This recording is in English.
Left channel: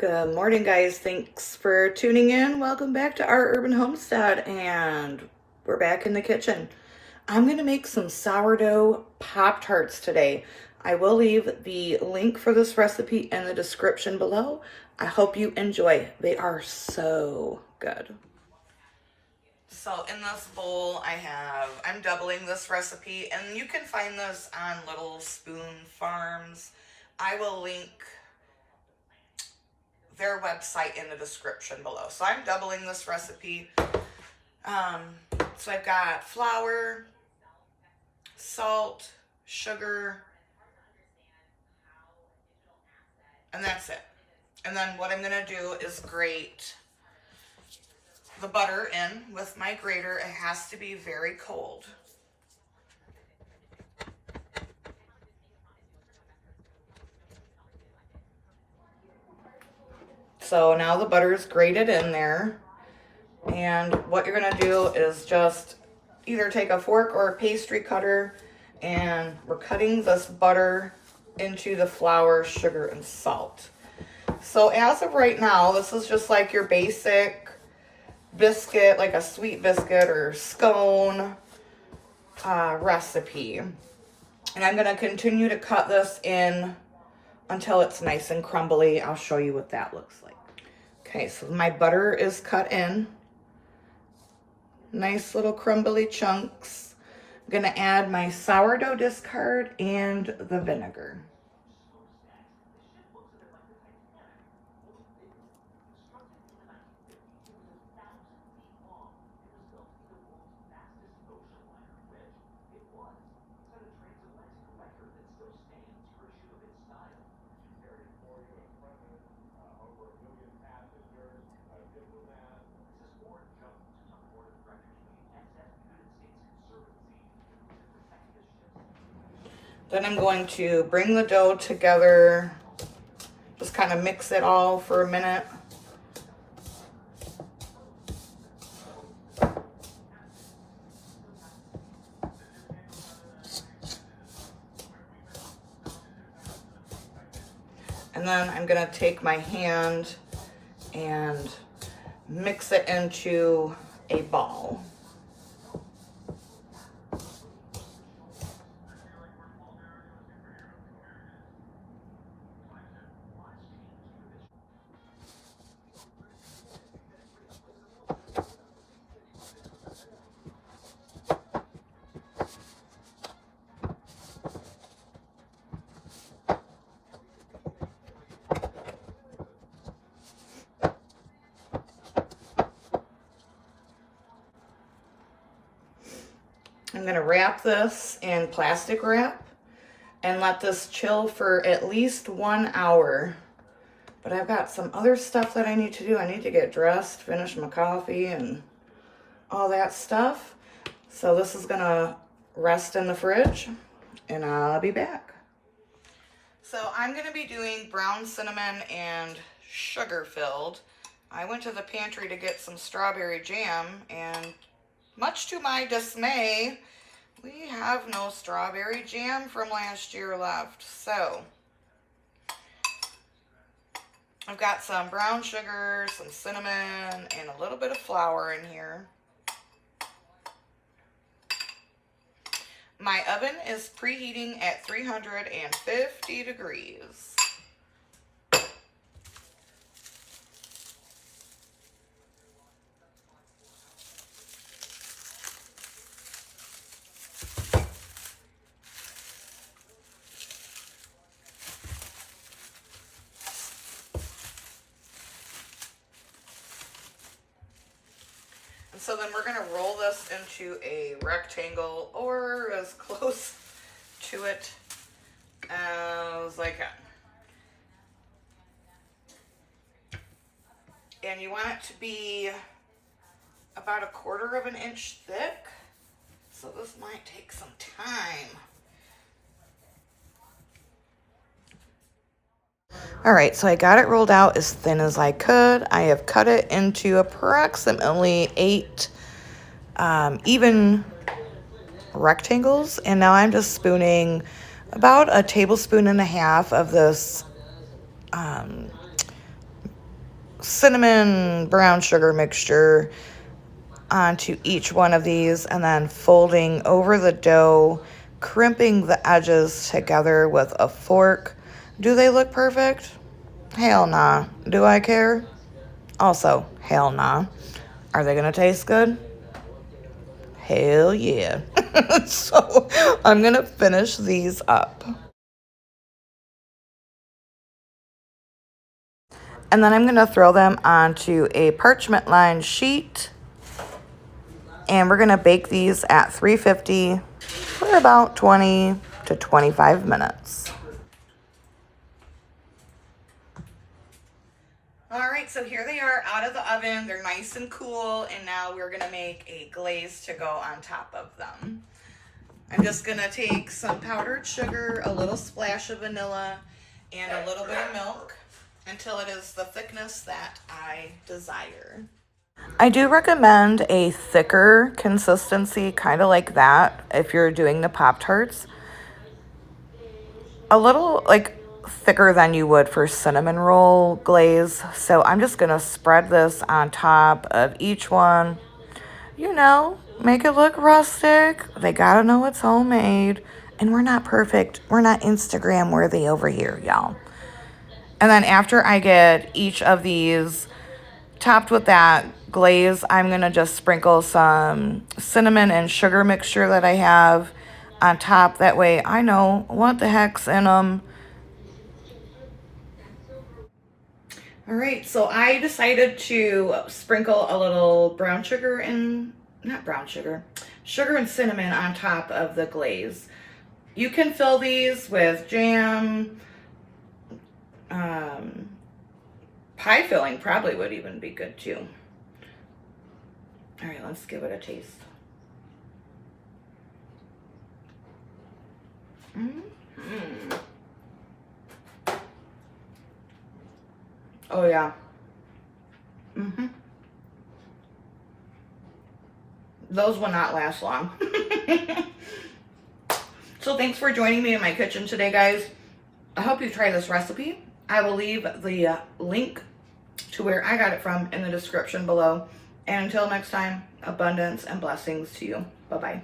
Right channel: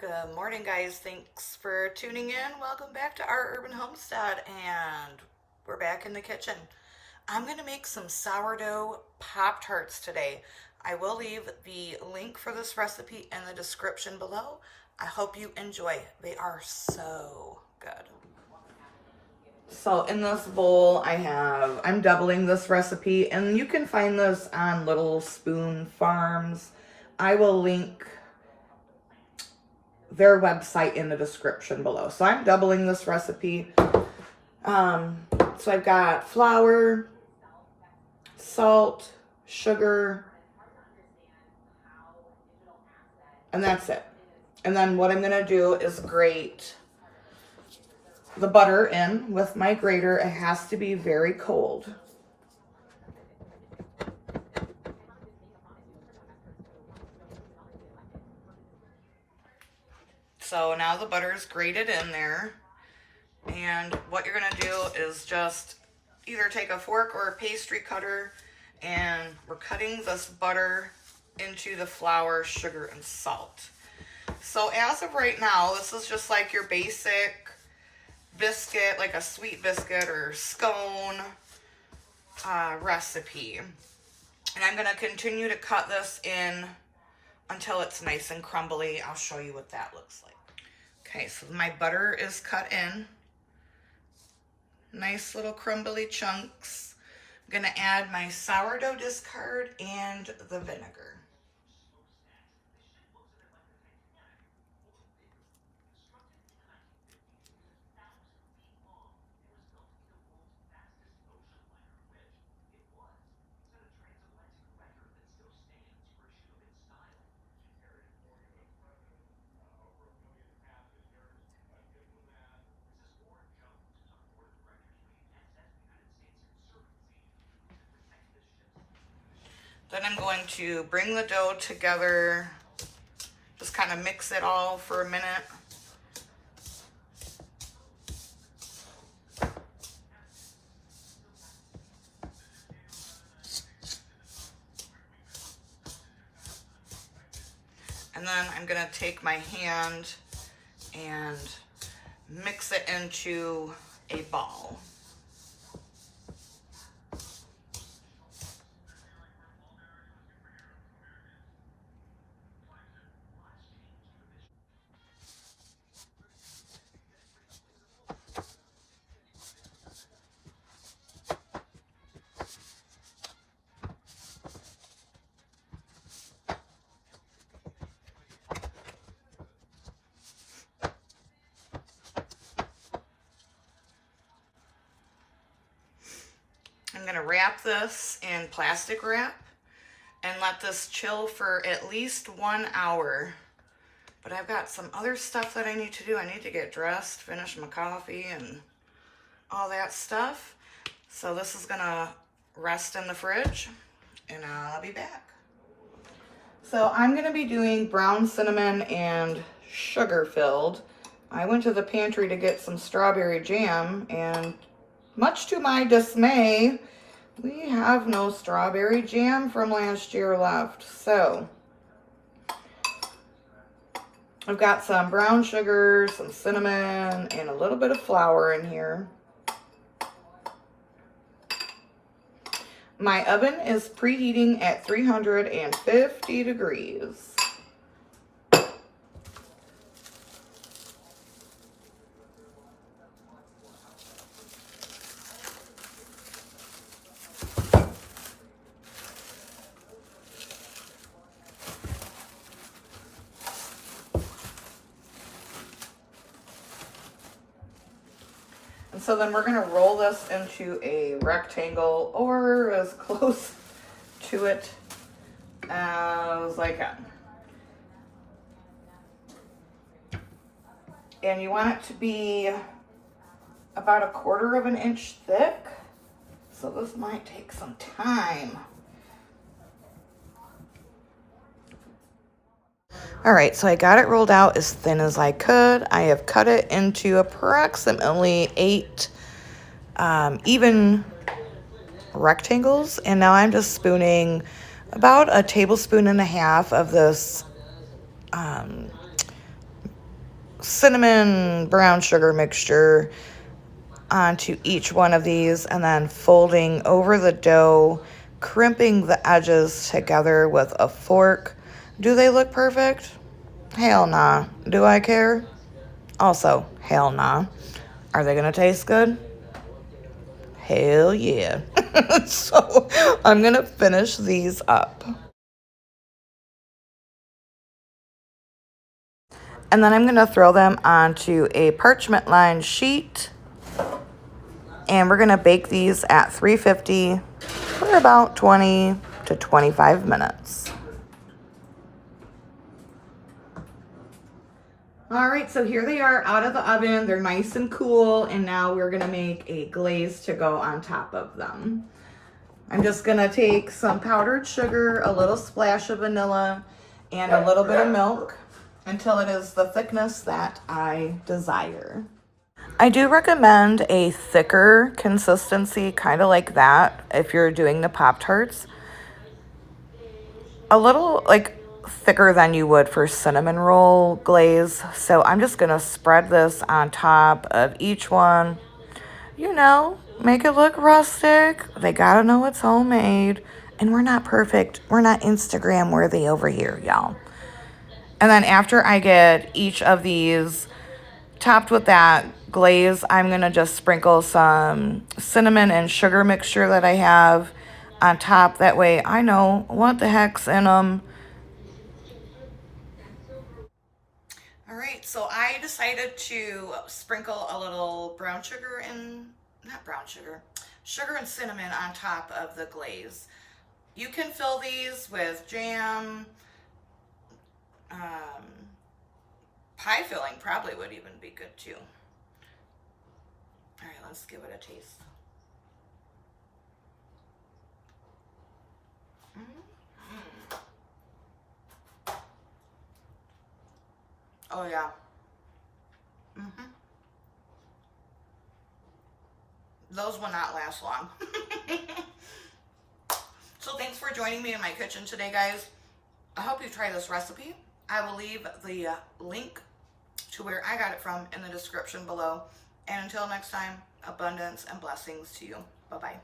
Good morning, guys. Thanks for tuning in. Welcome back to our urban homestead, and we're back in the kitchen. I'm going to make some sourdough Pop-Tarts today. I will leave the link for this recipe in the description below. I hope you enjoy. They are so good. So in this bowl, I'm doubling this recipe, and you can find this on Little Spoon Farms. I will link their website in the description below. So I'm doubling this recipe. So I've got flour, salt, sugar, and that's it. And then what I'm gonna do is grate the butter in with my grater. It has to be very cold. So now the butter is grated in there. And what you're gonna do is just either take a fork or a pastry cutter, and we're cutting this butter into the flour, sugar, and salt. So as of right now, this is just like your basic biscuit, like a sweet biscuit or scone recipe. And I'm gonna continue to cut this in until it's nice and crumbly. I'll show you what that looks like. Okay, so my butter is cut in. Nice little crumbly chunks. I'm gonna add my sourdough discard and the vinegar. Then I'm going to bring the dough together, just kind of mix it all for a minute. And then I'm gonna take my hand and mix it into a ball. I'm gonna wrap this in plastic wrap and let this chill for at least 1 hour. But I've got some other stuff that I need to do. I need to get dressed, finish my coffee, and all that stuff. So this is gonna rest in the fridge, and I'll be back. So I'm gonna be doing brown cinnamon and sugar filled. I went to the pantry to get some strawberry jam, and much to my dismay, we have no strawberry jam from last year left. So I've got some brown sugar, some cinnamon, and a little bit of flour in here. My oven is preheating at 350 degrees. And so then we're gonna roll this into a rectangle or as close to it as I can. And you want it to be about 1/4 of an inch thick. So this might take some time. All right, so I got it rolled out as thin as I could. I have cut it into approximately 8 even rectangles, and now I'm just spooning about 1.5 tablespoons of this cinnamon brown sugar mixture onto each one of these and then folding over the dough, crimping the edges together with a fork. Do they look perfect? Hell nah. Do I care? Also, hell nah. Are they gonna taste good? Hell yeah. So I'm gonna finish these up. And then I'm gonna throw them onto a parchment lined sheet. And we're gonna bake these at 350 for about 20 to 25 minutes. All right, so here they are out of the oven. They're nice and cool, and now we're gonna make a glaze to go on top of them. I'm just gonna take some powdered sugar, a little splash of vanilla, and a little bit of milk until it is the thickness that I desire. I do recommend a thicker consistency, kind of like that, if you're doing the Pop-Tarts. A little, like, thicker than you would for cinnamon roll glaze. So I'm just going to spread this on top of each one. You know, make it look rustic. They got to know it's homemade. And we're not perfect. We're not Instagram worthy over here, y'all. And then after I get each of these topped with that glaze, I'm going to just sprinkle some cinnamon and sugar mixture that I have on top. That way I know what the heck's in them. All right, so I decided to sprinkle a little brown sugar and, not brown sugar, sugar and cinnamon on top of the glaze. You can fill these with jam. Pie filling probably would even be good too. All right, let's give it a taste. Oh yeah. Those will not last long. So thanks for joining me in my kitchen today, guys. I hope you try this recipe. I will leave the link to where I got it from in the description below. And until next time, abundance and blessings to you. Bye-bye.